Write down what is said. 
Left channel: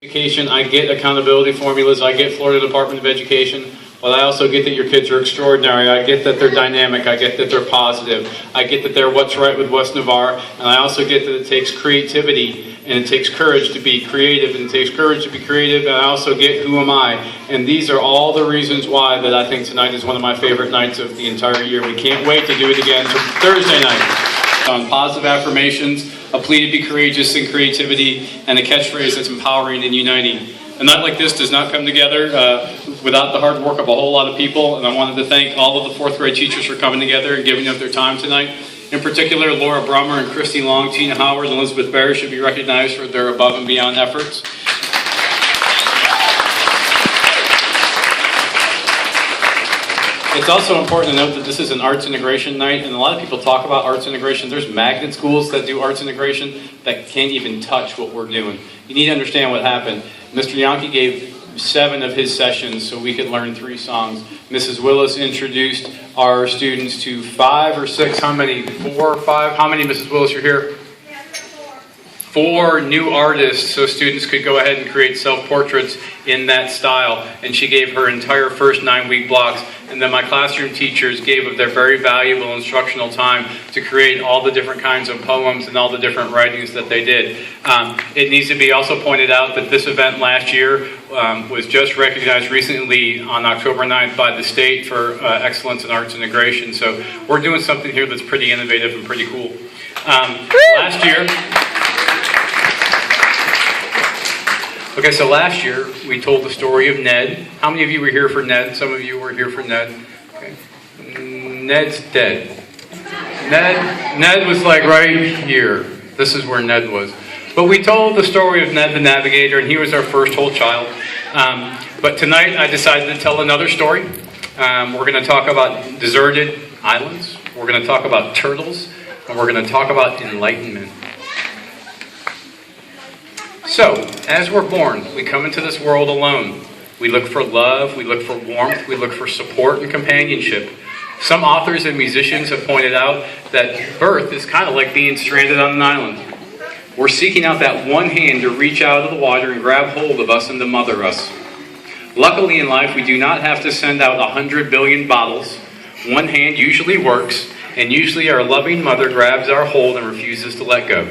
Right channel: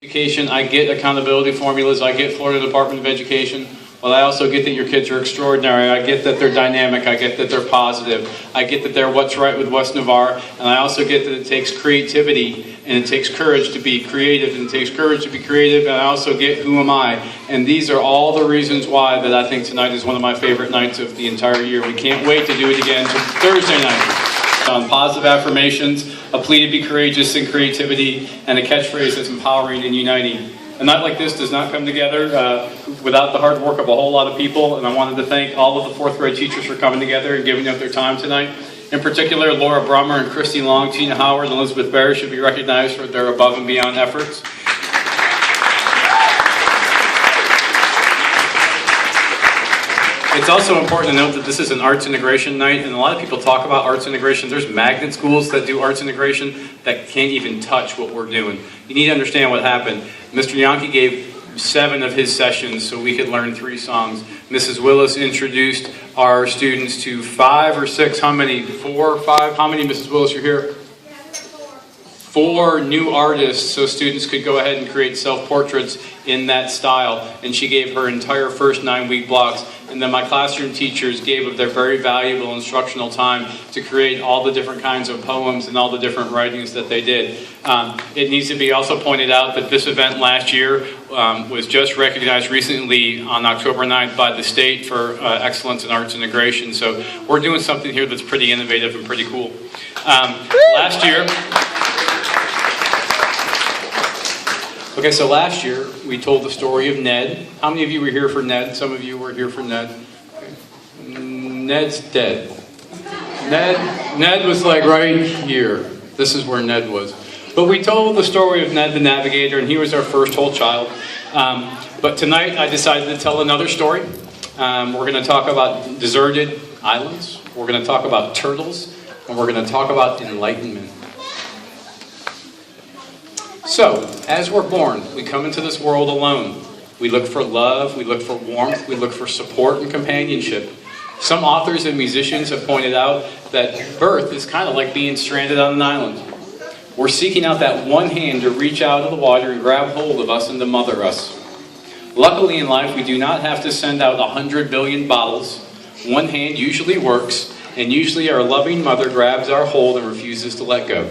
Education, I get accountability formulas, I get Florida Department of Education, but I also get that your kids are extraordinary. I get that they're dynamic, I get that they're positive, I get that they're what's right with West Navarre, and I also get that it takes creativity and it takes courage to be creative, and it takes courage to be creative, and I also get who am I. And these are all the reasons why that I think tonight is one of my favorite nights of the entire year. We can't wait to do it again Thursday night. Positive affirmations, a plea to be courageous in creativity, and a catchphrase that's empowering and uniting. A night like this does not come together without the hard work of a whole lot of people, and I wanted to thank all of the fourth grade teachers for coming together and giving up their time tonight. In particular, Laura Brummer and Crissy Long, Gina Howard, and Elizabeth Barry should be recognized for their above and beyond efforts. It's also important to note that this is an arts integration night, and a lot of people talk about arts integration. There's magnet schools that do arts integration that can't even touch what we're doing. You need to understand what happened. Mr. Yankee gave 7 of his sessions so we could learn 3 songs. Mrs. Willis introduced our students to 5 or 6, how many? 4 or 5? How many, Mrs. Willis, are here? 4 new artists so students could go ahead and create self-portraits in that style, and she gave her entire first 9-week blocks. And then my classroom teachers gave of their very valuable instructional time to create all the different kinds of poems and all the different writings that they did. It needs to be also pointed out that this event last year was just recognized recently on October 9th by the state for excellence in arts integration. So we're doing something here that's pretty innovative and pretty cool. Last year we told the story of Ned. How many of you were here for Ned? Some of you were here for Ned. Okay. Ned's dead. Ned was like right here. This is where Ned was. But we told the story of Ned the Navigator, and he was our first whole child. But tonight I decided to tell another story. We're going to talk about deserted islands. We're going to talk about turtles. And we're going to talk about enlightenment. So, as we're born, we come into this world alone. We look for love, we look for warmth, we look for support and companionship. Some authors and musicians have pointed out that birth is kind of like being stranded on an island. We're seeking out that one hand to reach out of the water and grab hold of us and to mother us. Luckily in life, we do not have to send out 100 billion bottles. One hand usually works, and usually our loving mother grabs our hold and refuses to let go.